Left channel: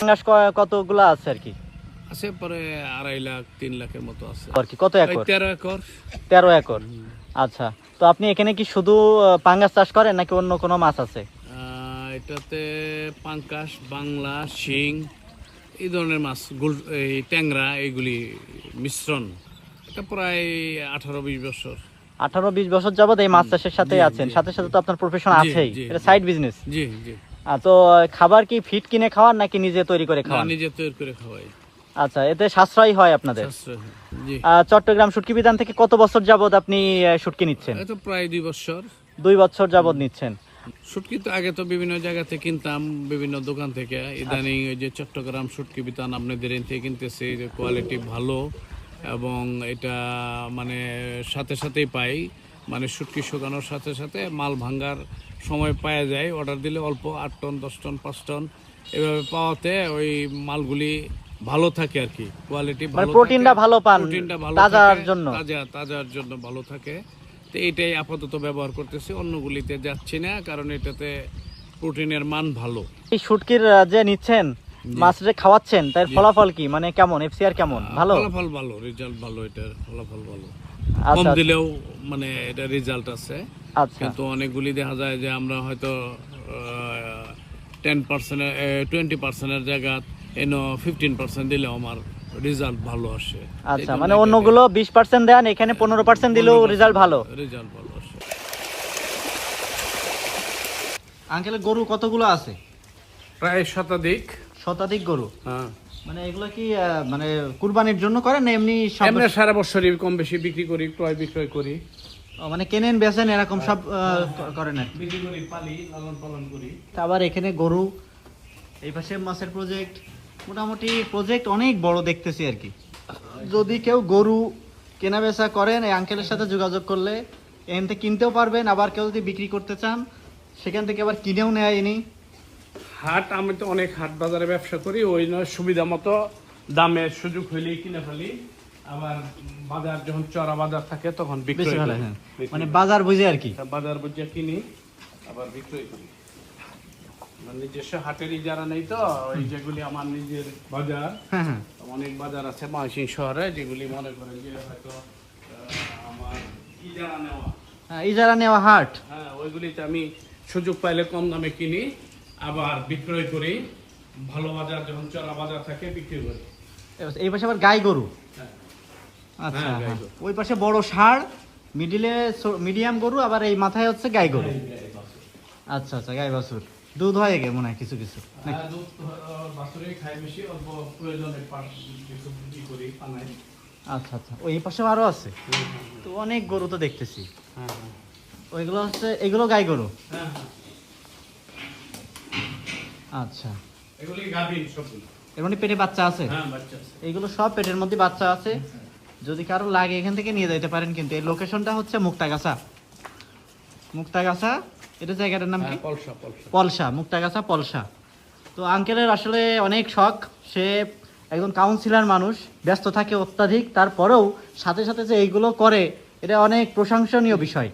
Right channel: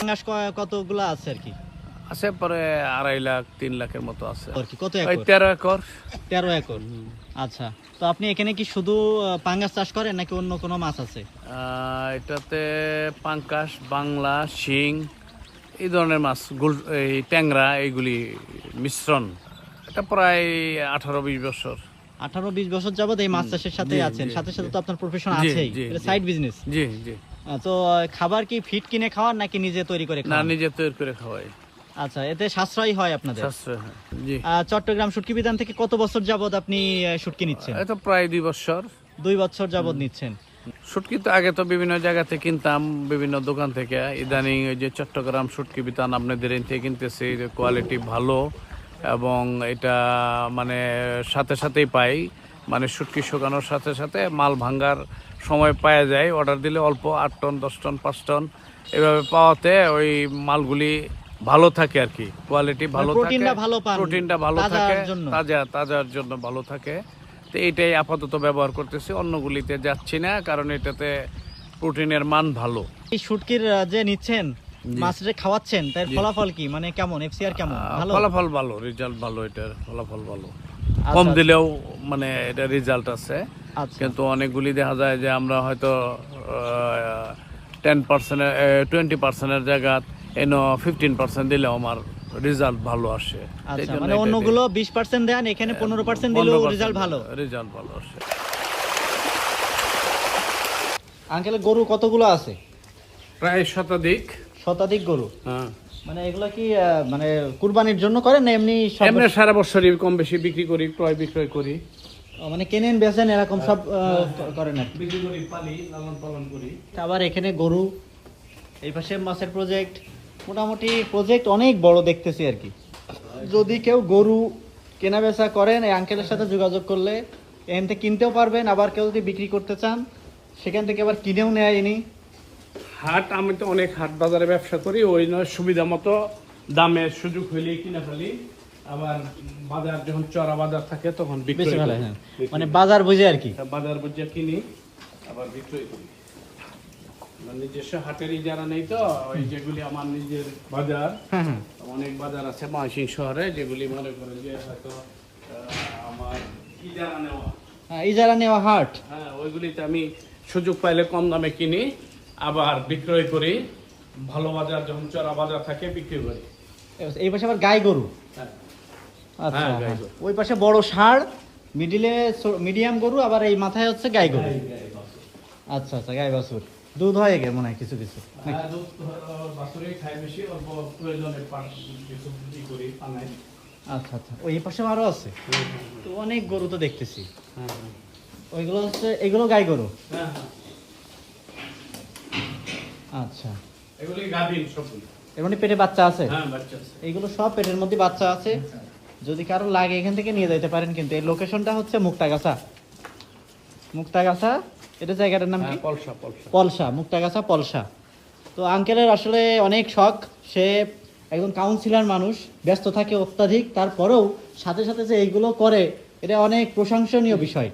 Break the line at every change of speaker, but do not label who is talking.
পাঙ্গাস কতগুলো আছে আর কি?
আছে পরে আড়াই লাখ তিন লাখের মতো আছে।
আর কি কত একর?
তেরো একর।
তেরো একর। আচ্ছা তো আপনি এখানে কি শুধু পাঙ্গাস চাষ করেন নাকি অন্য কোনো মাছ আছে?
এটাতে পাঙ্কাশ বাংলা শিং এই ধরনের মাছ গুল এই ট্যাংরা এইগুলি মিশ্রণ। এটা প্রায় আঠারো বিশ বছর।
আঠারো বিশ বছর যাবত এই মাছ চাষের সাথে আছেন। সাথে সাথে তো আপনার প্রফেশন আছেই। এটা সাইড বিজনেস
জি জি।
তো খাবার কি ফিট কিনে খাওয়ান নাকি নিজে তৈরি করে খাওয়ান
নিজে তৈরি করে খাওয়াই।
আচ্ছা এতে সাশ্রয় হয় আপনাদের? চট্টগ্রাম শুটকি বিধান থেকে কত বছর যাবত আপনি শুটকি নিচ্ছেন?
এটা প্রায় দুই বছর।
দুই বছর যাবত নিচ্ছেন।
শুটকি তো আগে তো বিভিন্ন জায়গা থেকে কিনতাম বিভিন্ন দোকান থেকে। ইদানিং ওই যে চট্টগ্রাম শুটকি বিতান আপনাদের থেকে কিনতেছি কোয়ালিটি ভালো এবং এটা মানে সাথে সাথেই পাই। মানে শুটকি শুকানোর সাথে সাথে মাল ভাঙ্গার সময় পাওয়া যায়। অর্ডার দিলে অল্প আট টন দশ টন পাঁচ টন। এভাবে পাওয়াতে ওই মালগুলি ভালো থাকে আর কি। কোয়ালিটি ভালো
মানে প্রোটিনটা ভালো পান
প্রোটিনটা ভালো
তাজার জন্য।
তাজা তাজার জন্য ভালো থাকে। তো এইটাই আপাতত ব্যবহার করতেছি অন্যগুলিতে যাচ্ছি না কারণ এটাতে প্রোটিনের মান ভালো।
এই শুটকির যে নিচ্ছেন মাছ যে খাওয়াচ্ছেন তার ফলাফল কি? মানে কেমন? এফসিআর কেমন? ভালো?
ফলাফল ভালো রেজাল্ট ভালো এটার ফলাফল ভালো। কম
আচ্ছা।
দিলেও মানে এটা রেজাল্ট আছে।
আচ্ছা।
কিন্তু অনেকগুলি দেখা যায় যে আমরা হয়তো টেন পার্সেন্টের টোয়েন্টি পার্সেন্টের জায়গা এনো ফিফটিন পার্সেন্ট দিলেও আমার রেজাল্ট ভালো আসে।
আচ্ছা মানে অন্যগুলো বিশ পার্সেন্ট দেন এখানে পনেরো পার্সেন্ট দিলেও রেজাল্ট ভালো।
রেজাল্ট ভালো আসে।
আঙ্কেল গরু কতগুলো আছে?
প্রায় শতাধিক।
শতাধিক গরু।
হ্যাঁ।
মানে এগুলো কি মানে কুরবানির জন্য করেন এমনি সব
এমনি সারা বছরই কম বেশি বিক্রি করি ক্রয় বিক্রয় করি।
মানে কেনেন বেচেন এরকম সব আহ, করেন আর
বিক্রি করি পালি লালন পালন করি।
আবার এখানে গরু এই পাশে মাছের প্রজেক্ট মোটামুটি প্রজেক্ট অনেক বড় দেখতেছি আর কি। যদি কেউ গরু কেনা বেচা করেন এই আঙ্কেলের সাথে যোগাযোগ করলে এখান থেকে কিনতেও পারবেন। আবার কেউ যদি বিক্রি করতে চান সেখান থেকে আবার কিনেও নেয় ইনি।
হাট আমি তো অনেক হাট বাজারে ব্যবসা করি ওই নয় সুবিধা মতো দামের সুযোগ হইলেই কিনে ফেলি। আবার বাজার যখন চড়া বাজার থাকে তখন
ভালো হ্যাঁ। মানে বাজার বুঝে আর কি।
বাজার বুঝে কিনি আবার বিক্রয় করি। নিজস্ব হাটের যারা নেই তো ওই যেগুলি আমার নিজের বাজার
হ্যাঁ হ্যাঁ।
অনেক বাজার আছে ময়মনসিংহ শহরে যেগুলি মনে করে যে হয়তো আমার ইজারা নেওয়া।
হ্যাঁ, ইজারা নেওয়া হাট।
হ্যাঁ ওইগুলিতে আমি সুযোগ পাইলে কম দামে কিনি। আবার বিক্রয় করি ভালো বাজার যখন চড়া বাজার থাকে বিক্রি করি।
এই পাশে আবার গাই গরু।
হ্যাঁ।
আচ্ছা
হ্যাঁ, গাই
হ্যাঁ। ওই পাশে বড় ষাঁড় মিডিলে মিডিয়াম গরু আবার এই মাথায় হচ্ছে গাই গরু। আচ্ছা আচ্ছা গাই বাছুর। দুধ হয় গে মনে হয় কিছু কিছু
হ্যাঁ।
আচ্ছা আচ্ছা ওই পাশে আরও আছে? তো অনেক গরু তো দেখতেছি। ওইগুলো হচ্ছে এগুলো গাই গরু?
হ্যাঁ।
আচ্ছা।
এগুলি গাভীর সবগুলি।
এর মানে পেটে বাচ্চা আছে?
হ্যাঁ, বাচ্চা আছে।
এইগুলো সব পেটের মধ্যে বাচ্চা আছে। যদি কারও লাগে এখান থেকে নিয়ে যেতে পারেন কিন্তু। এই লোকেশনটা হচ্ছে মুক্তাগাছা। মুক্তাগাছা এটা জায়গাটার নাম কি?
হ্যাঁ, পলসা, পলসা।
পলসা মুক্তাগাছা পলসা। তো আঙ্কেলের আসলে অনেক শখ। সে একজন কাউন্সিলর মানুষ ব্যস্ত থাকে অত্যাধিক। তারপরেও সাথে সাথে যে এইগুলো করে এটা অনেক প্রশংসনীয় বিষয়।